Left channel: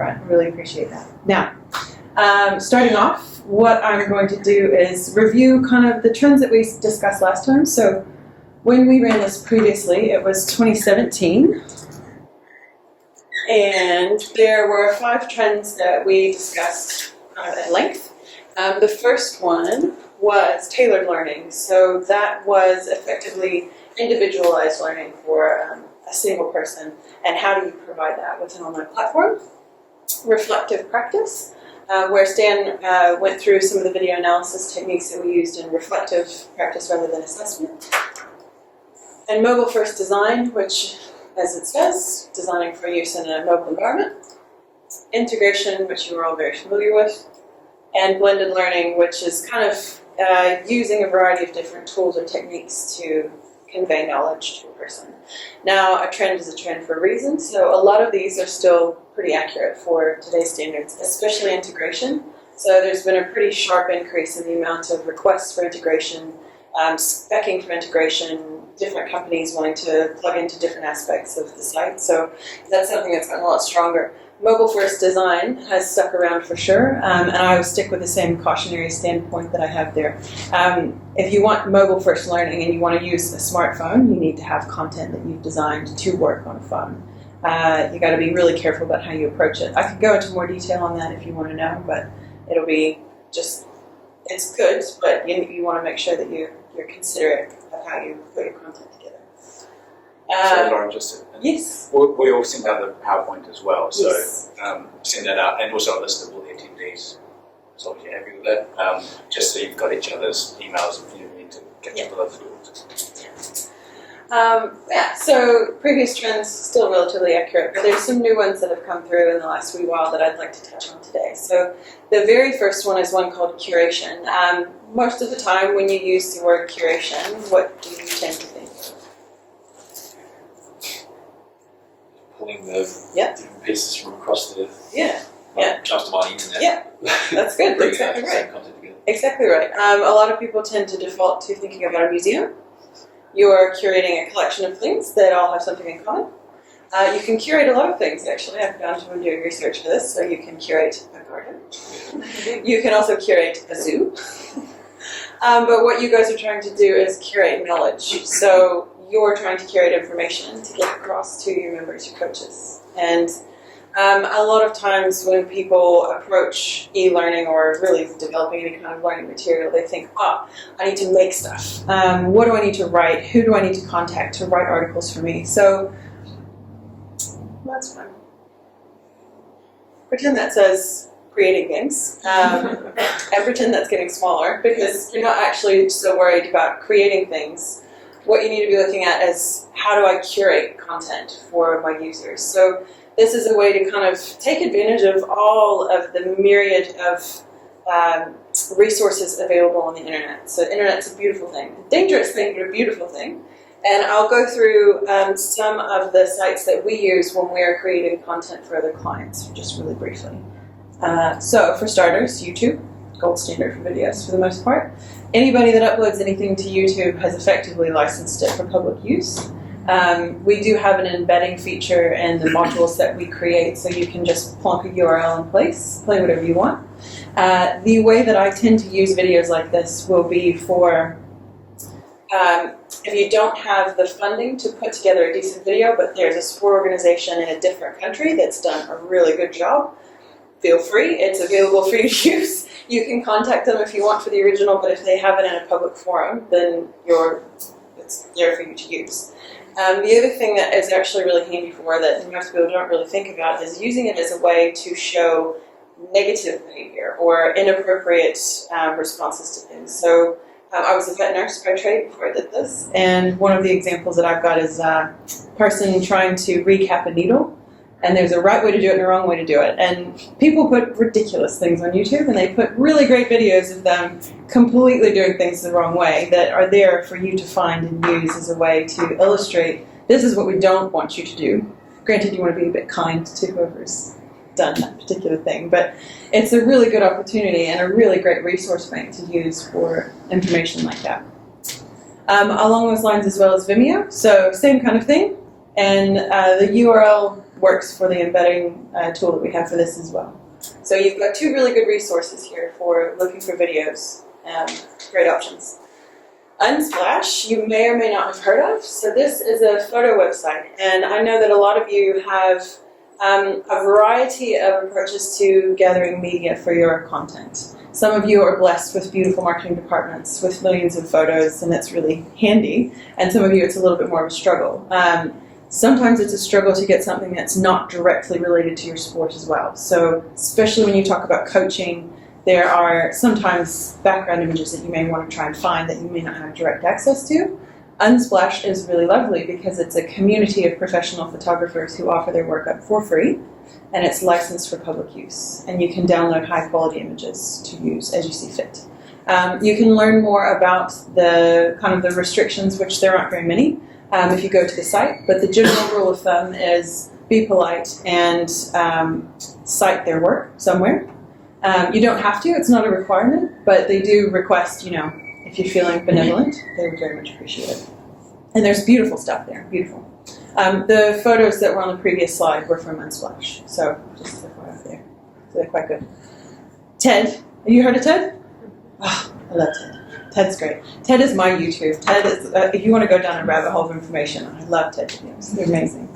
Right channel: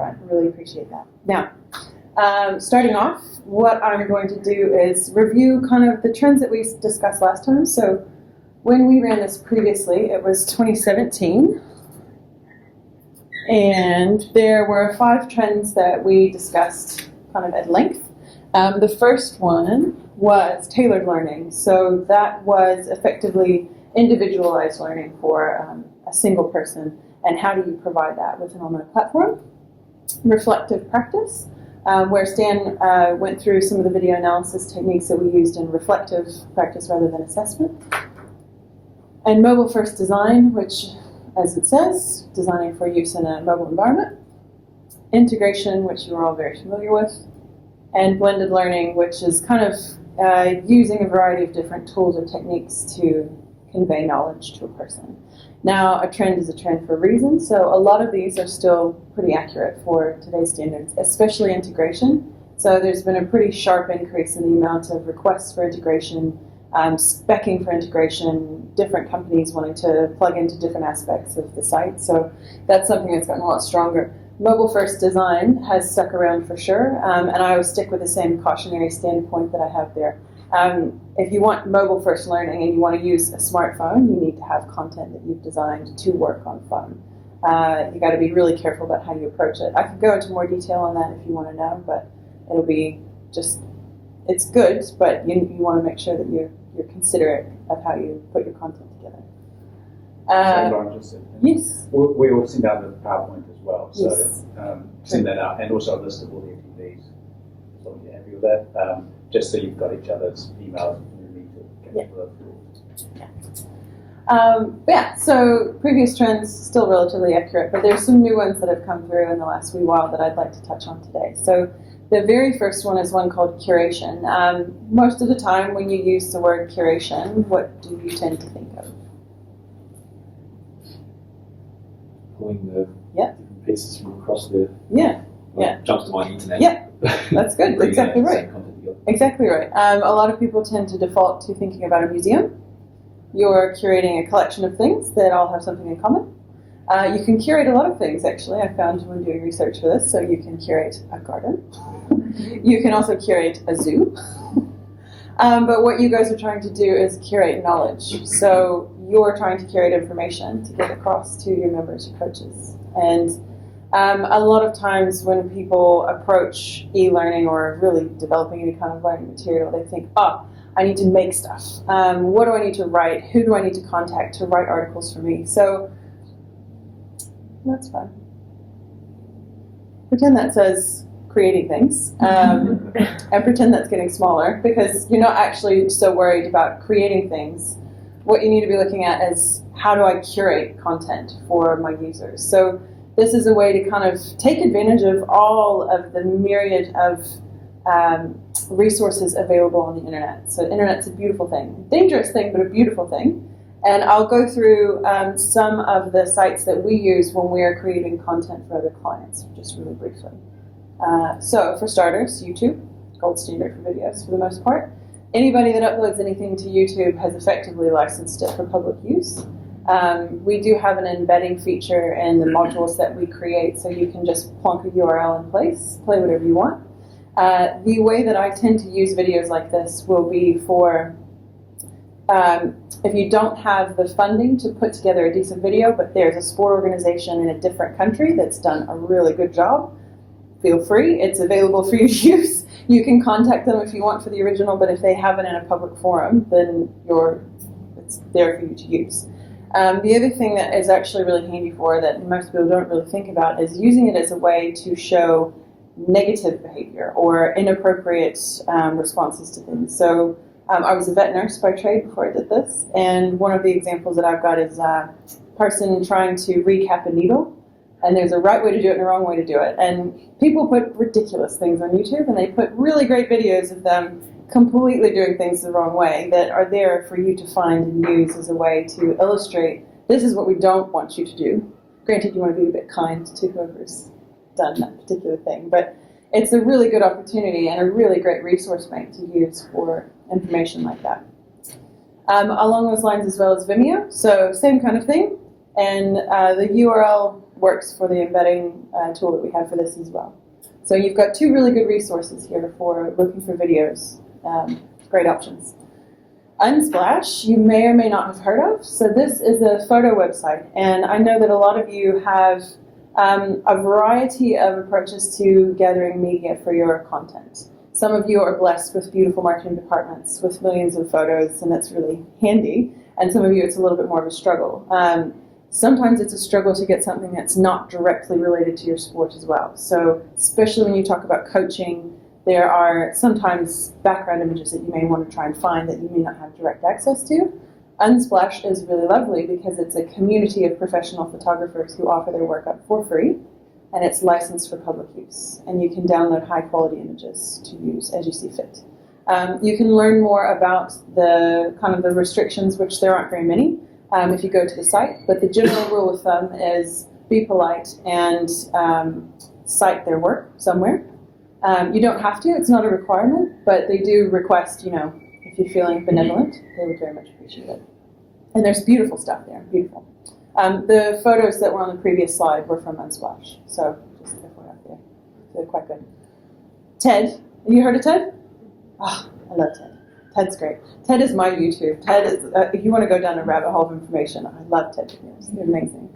I really appreciate that. Now, starting off, what I'm going to do is review kind of the trends that we discussed last time. So when we ran this previously, it was 2017. And there were 5 trends that we discussed kind of at length. The first one was tailored learning. So that was effectively individualized learning for a single person. And how do you provide that with an online platform? Reflective practice, where Stan went through some of the video analysis techniques that we used in reflective practice rather than assessment. And mobile-first design, which, as it says, designing for use in a mobile environment. Integration, which you are all very familiar with. And blended learning, which is kind of using a variety of different tools or techniques to convey knowledge to a person. Now, a trend is a trend for a reason, so a lot of these are still pretty accurate for today's standards, especially integration. So there's been a pretty sharp increase in the amount of requests for integration, speccing for integration, different companies wanting to plug into different aspects of the site. So that's something that's gotten a lot stronger. Mobile-first design has stuck around for sure, and I will stick with the same cautionary standpoint that I have there. If you want mobile-first learning and you want to use a smartphone, you need to have content that you've designed to work on a phone. You got to be really careful about how you approach it. I could go into more detail on that if you want to know, but it'll be just, it's good, but you want to make sure that you're considerate of how you put your content together. So Lauren, yes. We all send out the PowerPoint as well, so yes. Send that out, and also a list of all the attendees, as long as you're happy with that, just so you've got each other's emails if you need to catch up with afterwards. Yeah, so previous trends still relatively accurate, but there's some new ones that have come through in the last wee while that I'd like to touch on today. So the very first one is one called curation. Most of the time when you use the word curation, what do you tend to think of? Pulling the different pieces from across the jumps to my internet. Yeah, that's good. Exactly right. Content together. Exactly right. A lot of people tend to default to thinking about a museum. You're curating a collection of things that all have something in common. You can curate a lot of things, actually. I found when doing research for this. So you can curate a garden. You can also curate a zoo. But what you guys are trying to do is curate knowledge. So you're trying to curate information to get across to your members, your coaches. And a lot of times when people approach e-learning or really developing any kind of learning material, they think, I need to make stuff. What do I need to write? Who do I need to contact to write articles for me? So that's fun. Pretend that says creating things, and pretend that's getting smaller, because you're not actually so worried about creating things. What you need to be looking at is, how do I curate content for my users? So this is a way to kind of take advantage of all of the myriad of resources available on the internet. So the internet's a beautiful thing. A dangerous thing, but a beautiful thing. And I'll go through some of the sites that we use when we're creating content for other clients, just really briefly. So for starters, YouTube, gold standard for videos for the most part. Anybody that uploads anything to YouTube has effectively licensed it for public use. We do have an embedding feature in the modules that we create, so you can just plonk a URL in place, play whatever you want. The way that I tend to use videos like this will be for if you don't have the funding to put together a decent video, but there's a sport organization in a different country that's done a really good job, feel free. It's available for you to use. You can contact them if you want for the original, but if they have it in a public forum, then it's there for you to use. The other thing that is actually really handy for that most people don't really think about is using it as a way to show negative behavior or inappropriate responses to things. So I was a vet nurse by trade before I did this, and one of the examples that I've got is a person trying to recap a needle. And there's a right way to do it and a wrong way to do it. And people put ridiculous things on YouTube, and they put really great videos of them completely doing things the wrong way that are there for you to find and use as a way to illustrate, this is what we don't want you to do. Granted, you want to be a bit kind to whoever's done that particular thing, but it's a really good opportunity and a really great resource bank to use for information like that. Along those lines as well as Vimeo, so same kind of thing. And the URL works for the embedding tool that we have for this as well. So you've got two really good resources here for looking for videos. Great options. Unsplash, you may or may not have heard of. So this is a photo website, and I know that a lot of you have a variety of approaches to gathering media for your content. Some of you are blessed with beautiful marketing departments with millions of photos, and that's really handy. And some of you, it's a little bit more of a struggle. Sometimes it's a struggle to get something that's not directly related to your sport as well. So especially when you talk about coaching, there are sometimes background images that you may want to try and find that you may not have direct access to. Unsplash is really lovely because it's a community of professional photographers who offer their work up for free, and it's licensed for public use. And you can download high quality images to use as you see fit. You can learn more about the kind of the restrictions, which there aren't very many, if you go to the site. But the general rule of thumb is be polite and cite their work somewhere. You don't have to, it's not a requirement, but they do request, if you're feeling benevolent, they would very much appreciate it. And there's beautiful stuff there, beautiful. The photos that were on the previous slide were from Unsplash, so just as a photo there. So they're quite good. TED, have you heard of TED? Oh, I love TED. TED's great. TED is my YouTube. TED is, if you want to go down a rabbit hole of information, I love TED videos. They're amazing.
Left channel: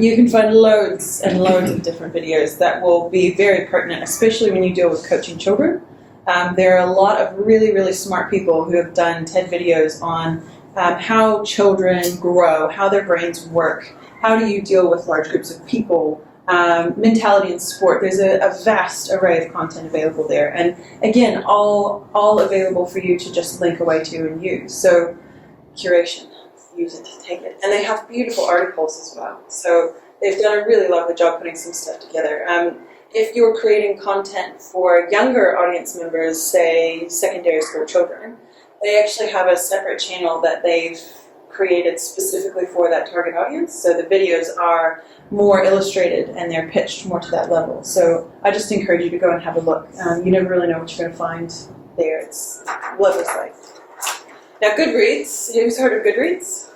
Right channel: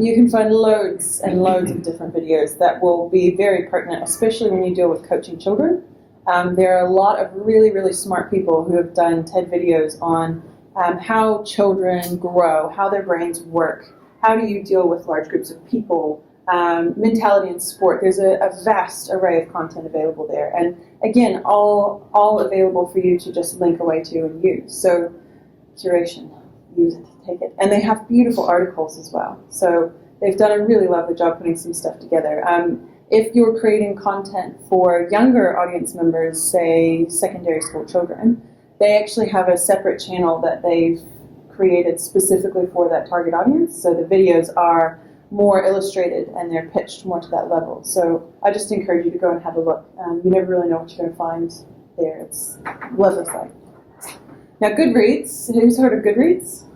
You can find loads and loads of different videos that will be very pertinent, especially when you deal with coaching children. There are a lot of really, really smart people who have done TED videos on how children grow, how their brains work, how do you deal with large groups of people, mentality in sport. There's a vast array of content available there. And again, all available for you to just link away to and use. So curation, use it, take it. And they have beautiful articles as well. So they've done a really lovely job putting some stuff together. If you're creating content for younger audience members, say secondary school children, they actually have a separate channel that they've created specifically for that target audience. So the videos are more illustrated and they're pitched more to that level. So I just encourage you to go and have a look. You never really know what you're going to find there. It's a lovely site. Now Goodreads, who's heard of Goodreads?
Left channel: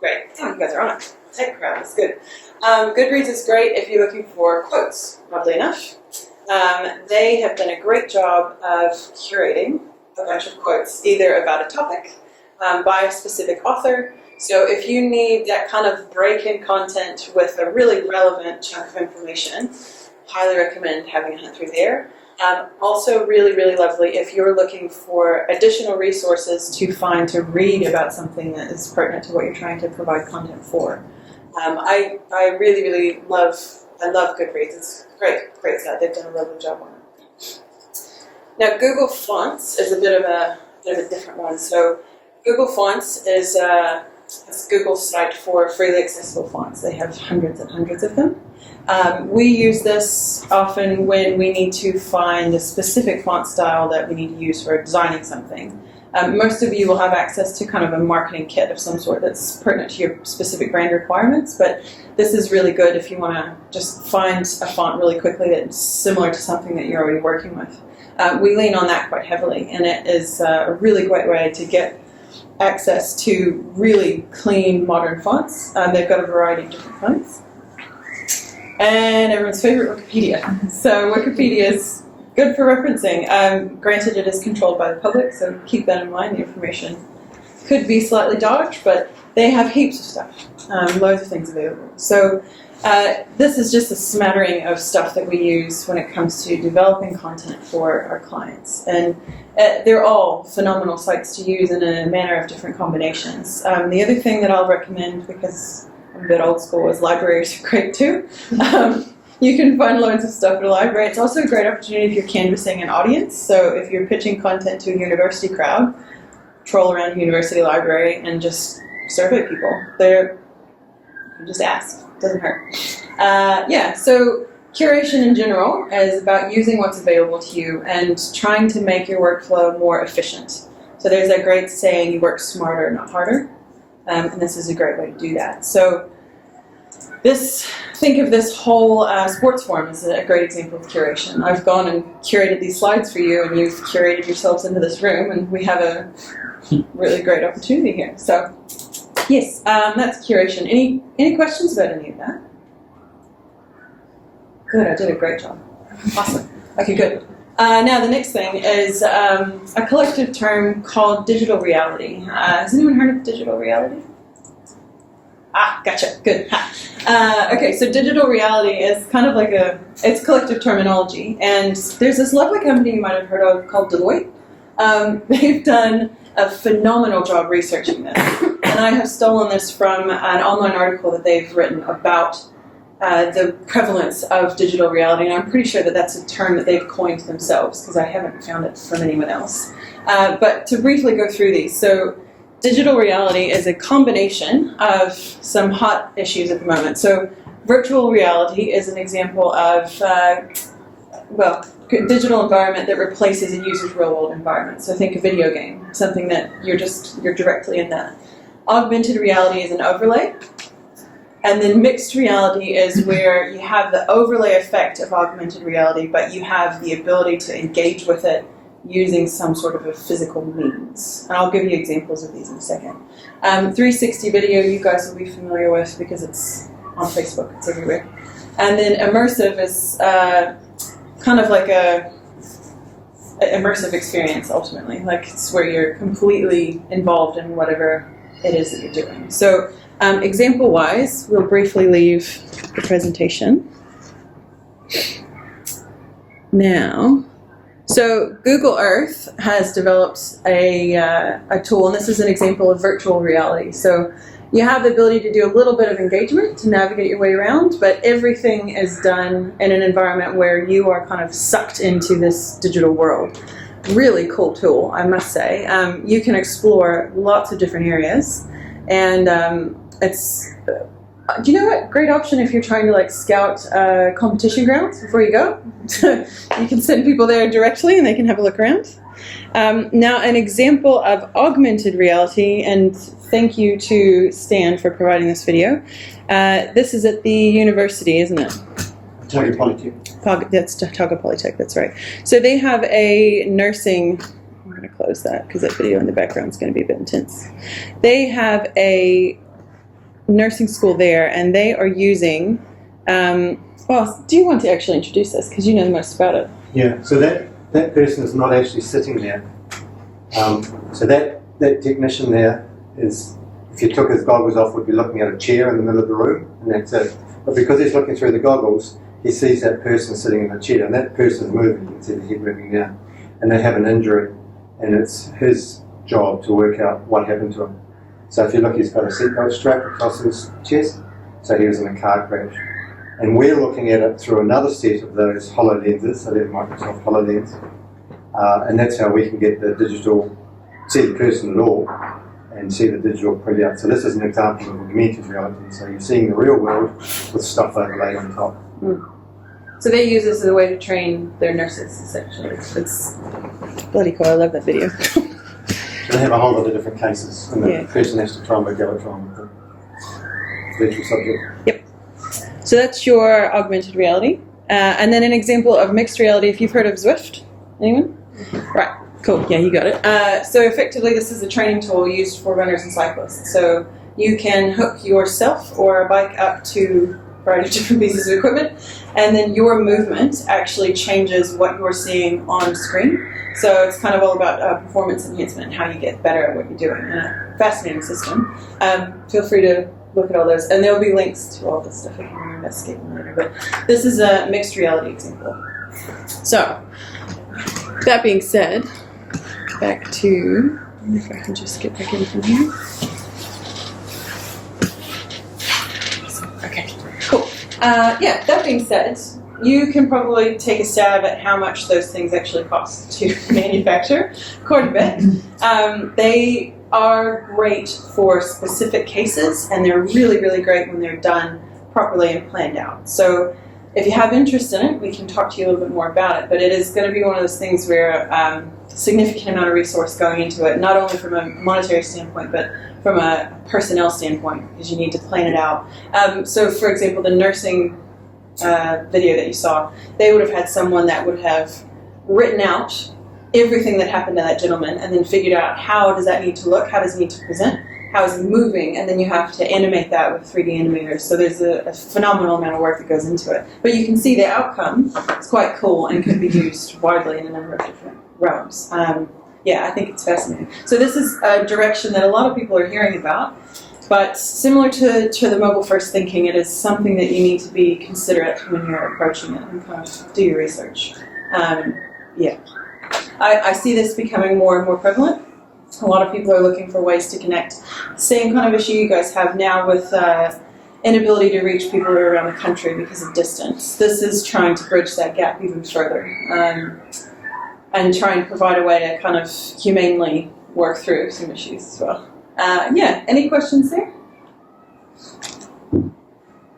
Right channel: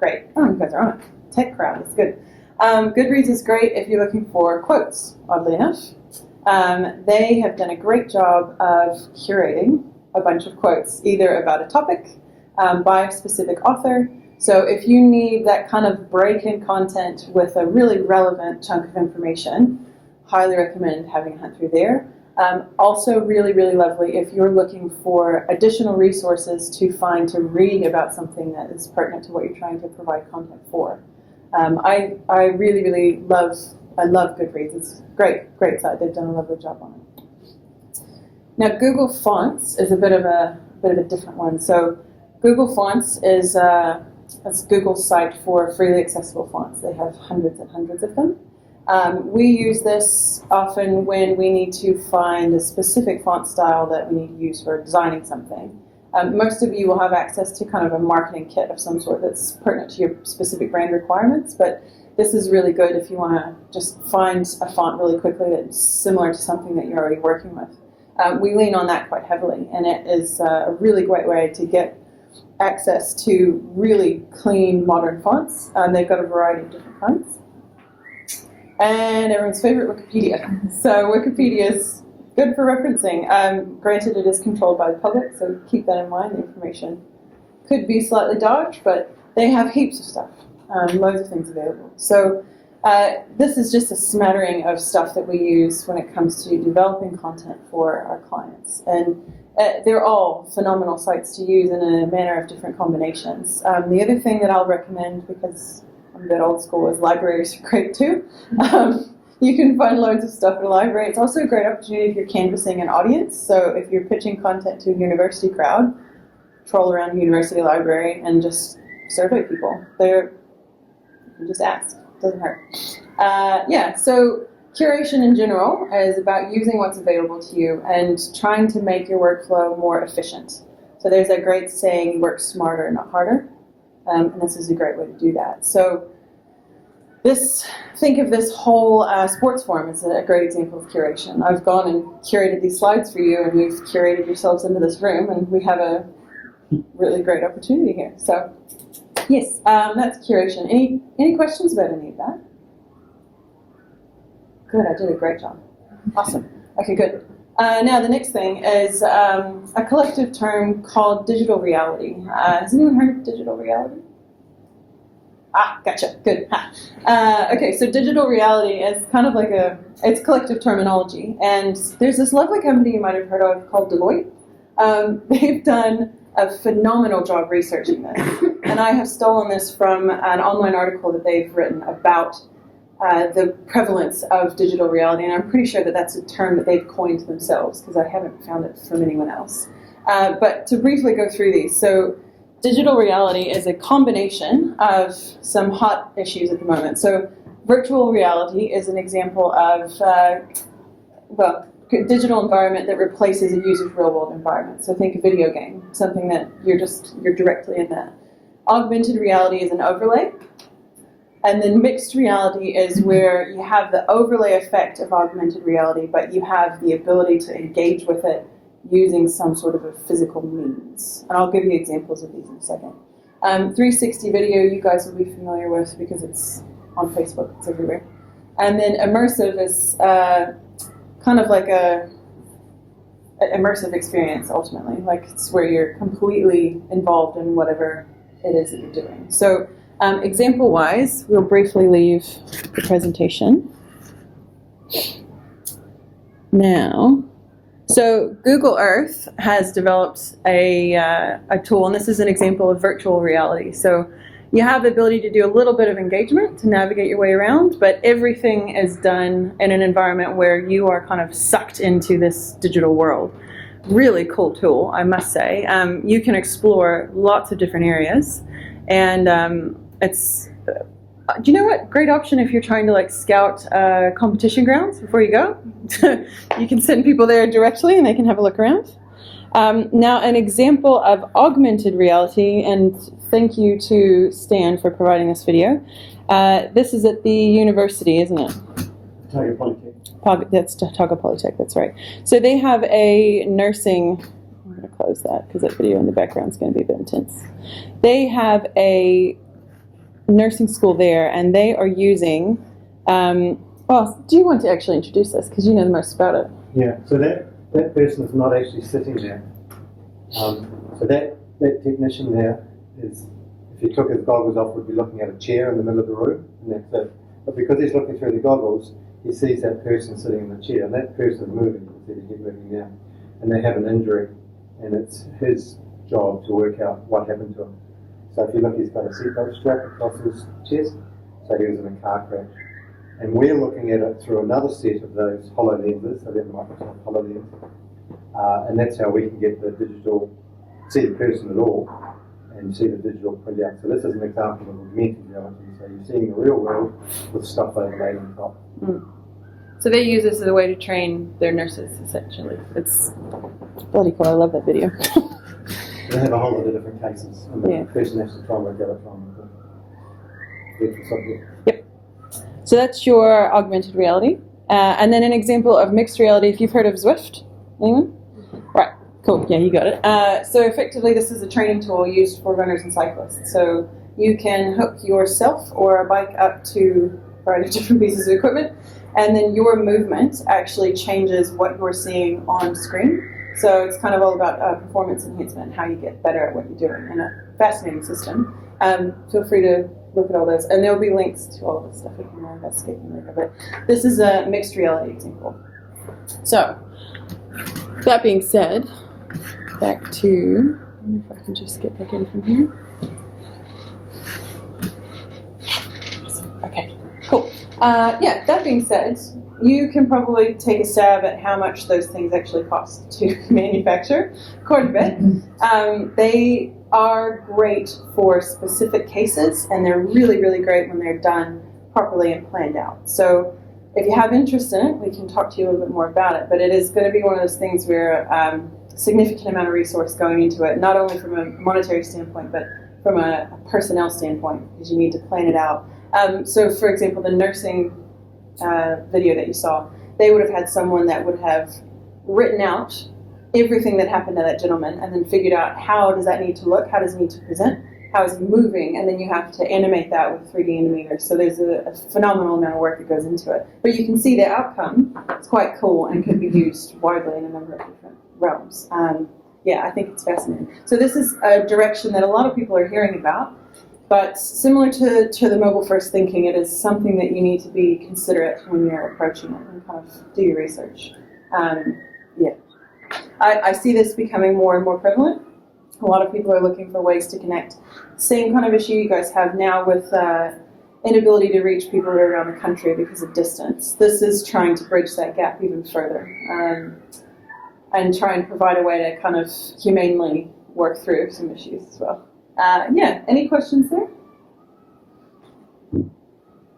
Great. Oh, you guys are on it. Tech crowd, it's good. Goodreads is great if you're looking for quotes, oddly enough. They have done a great job of curating a bunch of quotes, either about a topic, by a specific author. So if you need that kind of break-in content with a really relevant chunk of information, highly recommend having a hunt through there. Also really, really lovely if you're looking for additional resources to find to read about something that is pertinent to what you're trying to provide content for. I really, really love Goodreads. It's a great site. They've done a lovely job on it. Now Google Fonts is a bit of a different one. So Google Fonts is Google's site for freely accessible fonts. They have hundreds and hundreds of them. We use this often when we need to find a specific font style that we need to use for designing something. Most of you will have access to kind of a marketing kit of some sort that's pertinent to your specific brand requirements, but this is really good if you want to just find a font really quickly that's similar to something that you're already working with. We lean on that quite heavily, and it is a really great way to get access to really clean modern fonts. They've got a variety of different kinds. And everyone's favorite, Wikipedia. So Wikipedia is good for referencing. Granted, it is controlled by the public, so keep that in mind. The information could be slightly dodged, but they have heaps of stuff, loads of things available. So this is just a smattering of stuff that we use when it comes to developing content for our clients. And they're all phenomenal sites to use in a manner of different combinations. The other thing that I'll recommend, because I'm a bit old school, is libraries are great too. You can find loads of stuff at a library. It's also a great opportunity if you're canvassing an audience. So if you're pitching content to a university crowd, troll around a university library and just survey people. You can just ask. Doesn't hurt. So curation in general is about using what's available to you and trying to make your workflow more efficient. So there's that great saying, you work smarter, not harder. And this is a great way to do that. So think of this whole sports forum as a great example of curation. I've gone and curated these slides for you, and you've curated yourselves into this room, and we have a really great opportunity here. So yes, that's curation. Any questions about any of that? Good, I did a great job. Awesome. Okay, good. Now the next thing is a collective term called digital reality. Has anyone heard of digital reality? Ah, gotcha. Good. Okay, so digital reality is kind of like it's collective terminology, and there's this lovely company you might have heard of called Deloitte. They've done a phenomenal job researching this, and I have stolen this from an online article that they've written about the prevalence of digital reality, and I'm pretty sure that that's a term that they've coined themselves because I haven't found it from anyone else. But to briefly go through these, so digital reality is a combination of some hot issues at the moment. So virtual reality is an example of, digital environment that replaces a user's real-world environment. So think a video game, something that you're directly in that. Augmented reality is an overlay. And then mixed reality is where you have the overlay effect of augmented reality, but you have the ability to engage with it using some sort of a physical means. And I'll give you examples of these in a second. 360 video you guys will be familiar with because it's on Facebook, it's everywhere. And then immersive is kind of like an immersive experience ultimately. Like it's where you're completely involved in whatever it is that you're doing. So example-wise, we'll briefly leave the presentation. Now, so Google Earth has developed a tool, and this is an example of virtual reality. So you have the ability to do a little bit of engagement to navigate your way around, but everything is done in an environment where you are kind of sucked into this digital world. Really cool tool, I must say. You can explore lots of different areas, and it's, do you know what? Great option if you're trying to like scout competition grounds before you go. You can send people there directly and they can have a look around. Now an example of augmented reality, and thank you to Stan for providing this video. This is at the university, isn't it? Otago Polytech. That's Otago Polytech, that's right. So they have a nursing, I'm going to close that because that video in the background is going to be a bit intense. They have a nursing school there, and they are using, well, do you want to actually introduce this because you know the most about it? Yeah, so that person is not actually sitting there. So that technician there is, if you took his goggles off, would be looking at a chair in the middle of the room, and that's it. But because he's looking through the goggles, he sees that person sitting in the chair, and that person's moving. You can see the head moving down, and they have an injury, and it's his job to work out what happened to him. So if you look, he's got a seatbelt strap across his chest, so he was in a car crash. And we're looking at it through another set of those HoloLenses, so they're Microsoft HoloLens, and that's how we can get the digital, see the person at all, and see the digital printout. So this is an example of augmented reality, so you're seeing the real world with stuff overlaid on top. Mm. So they use this as a way to train their nurses, essentially. It's bloody cool, I love that video. They have a whole lot of different cases, and the person has to try and work out what's wrong with the virtual subject. Yep. So that's your augmented reality. And then an example of mixed reality, if you've heard of Zwift. Anyone? Right, cool, yeah, you got it. So effectively this is a training tool used for runners and cyclists. So you can hook yourself or a bike up to a variety of different pieces of equipment, and then your movement actually changes what you're seeing on screen. So it's kind of all about performance enhancement and how you get better at what you're doing. And a fascinating system. Feel free to look at all those. And there'll be links to all this stuff if you want to investigate them later. But this is a mixed reality example. So, that being said, back to, if I can just get back in from here. Okay, cool. Yeah, that being said, you can probably take a stab at how much those things actually cost to manufacture, quite a bit. They are great for specific cases, and they're really, really great when they're done properly and planned out. So if you have interest in it, we can talk to you a little bit more about it, but it is going to be one of those things where significant amount of resource going into it, not only from a monetary standpoint, but from a personnel standpoint, because you need to plan it out. So for example, the nursing video that you saw, they would have had someone that would have written out everything that happened to that gentleman and then figured out how does that need to look, how does it need to present, how is he moving, and then you have to animate that with 3D animators. So there's a phenomenal amount of work that goes into it. But you can see the outcome is quite cool and can be used widely in a number of different realms. Yeah, I think it's fascinating. So this is a direction that a lot of people are hearing about, but similar to the mobile first thinking, it is something that you need to be considerate when you're approaching it and kind of do your research. Yeah, I see this becoming more and more prevalent. A lot of people are looking for ways to connect. Same kind of issue you guys have now with inability to reach people around the country because of distance. This is trying to bridge that gap even further and try and provide a way to kind of humanely work through some issues as well. Yeah, any questions there?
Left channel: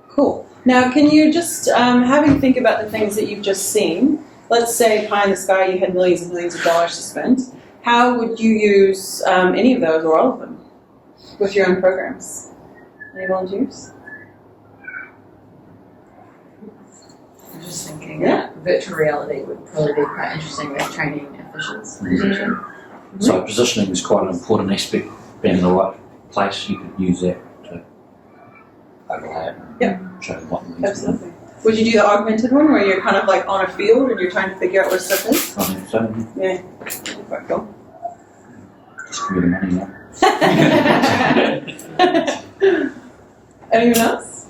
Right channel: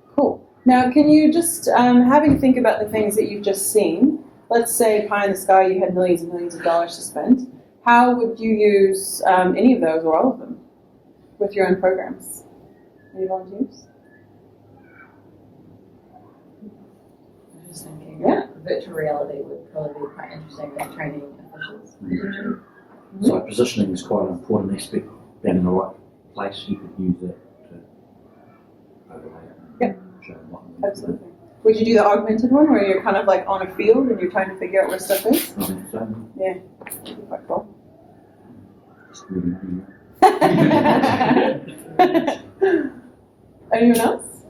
Cool. Now, can you just, having think about the things that you've just seen, let's say pie in the sky, you had millions and millions of dollars to spend. How would you use any of those or all of them with your own programs? Any volunteers? I'm just thinking Yeah. virtual reality would probably be quite interesting with training officials. Mm-hmm. So positioning is quite an important aspect. Being in the right place, you could use that to overlap and show what needs to be done. Absolutely. Would you do the augmented one where you're kind of like on a field and you're trying to figure out where stuff is? I think so. Yeah, that'd be quite cool. Just give me the money now. Anyone else?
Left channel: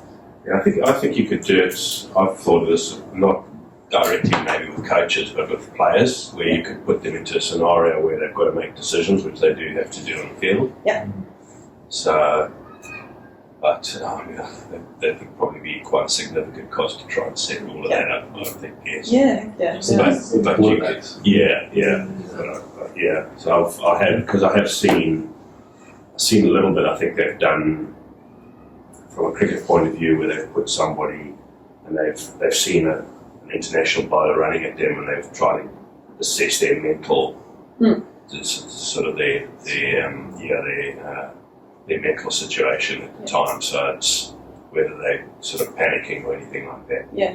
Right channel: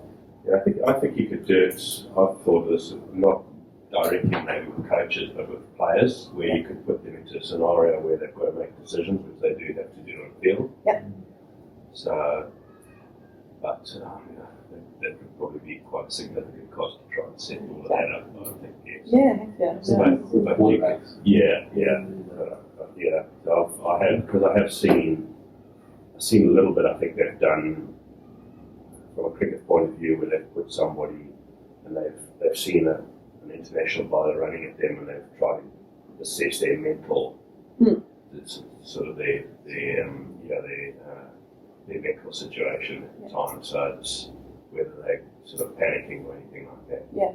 Yeah, I think you could do it. I've thought of this not directly maybe with coaches, but with players, where you could put them into a scenario where they've got to make decisions, which they do have to do on the field. Yeah. So, but that would probably be quite a significant cost to try and set all of that up. I think, yes. Yeah. But you could, yeah. So I have because I have seen a little bit. I think they've done from a cricket point of view where they've put somebody and they've seen an international bowler running at them and they've tried to assess their mental, sort of their mental situation at the time. So it's whether they're sort of panicking or anything like that. Yeah,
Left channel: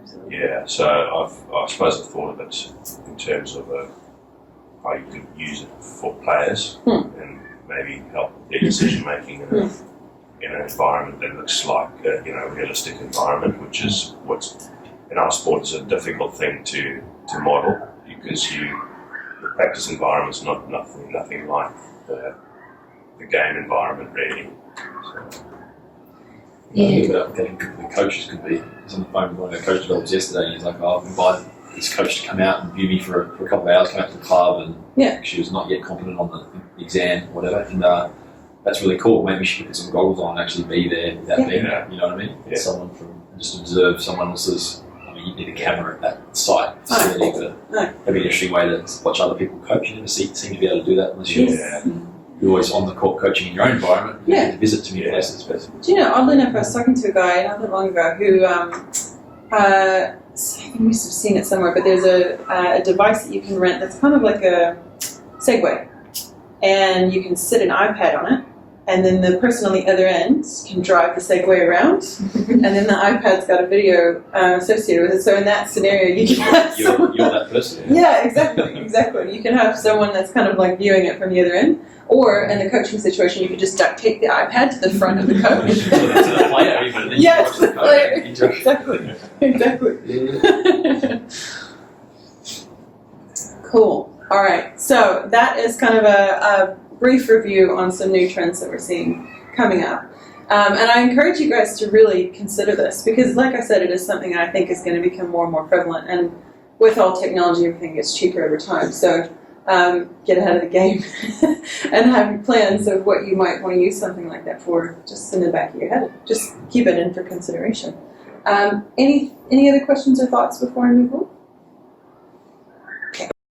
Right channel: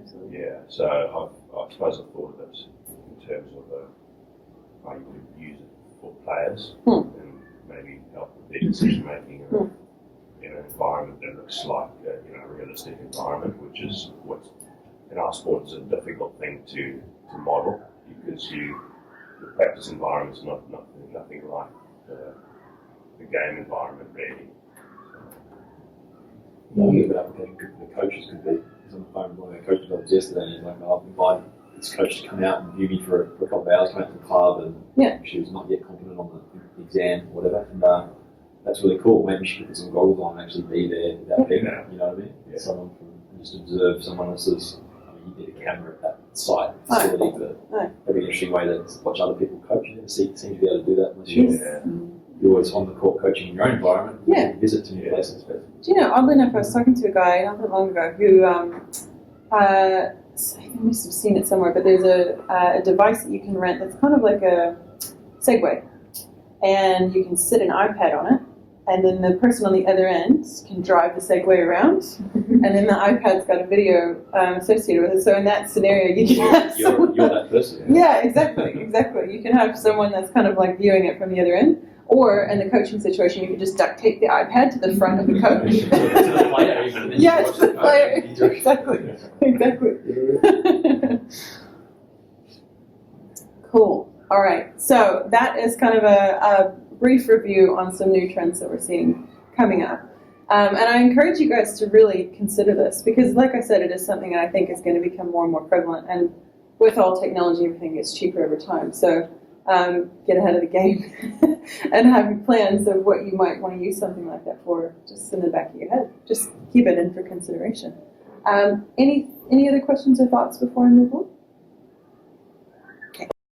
absolutely. Yeah, so I suppose I've thought of it in terms of how you could use it for players and maybe help with their decision making in an environment that looks like a realistic environment, which is what's in our sport is a difficult thing to model because the practice environment is nothing like the game environment really. So. Yeah, but the coaches could be. I was on the phone with one of our coach developers yesterday and he's like, I've invited this coach to come out and view me for a couple of hours, come out to the club and she was not yet competent on the exam or whatever. And that's really cool. Maybe she could put some goggles on and actually be there without being there. You know what I mean? Yeah. Someone from just observe someone else's. I mean, you need a camera at that site facility, but that'd be an interesting way to watch other people coach. You never seem to be able to do that unless you're always on the court coaching in your own environment. You get to visit to new places. Do you know, oddly enough, I was talking to a guy not that long ago who, I think we must have seen it somewhere, but there's a device that you can rent that's kind of like a Segway. And you can sit an iPad on it, and then the person on the other end can drive the Segway around, and then the iPad's got a video associated with it. So in that scenario, you can have you're that person. Yeah, exactly. You can have someone that's kind of like viewing it from the other end. Or in the coaching situation, you could just duct tape the iPad to the front of the coach. To the player, even. Yeah, to the player. Exactly. Cool. All right. So that is kind of a brief review on some new trends that we're seeing coming up. And I encourage you guys to really consider this because, like I said, it is something I think is going to become more and more prevalent. And with all technology, everything gets cheaper over time. So get ahead of the game and have plans of what you might want to use something like that for just in the back of your head. Just keep it in for consideration. Any other questions or thoughts before I move on?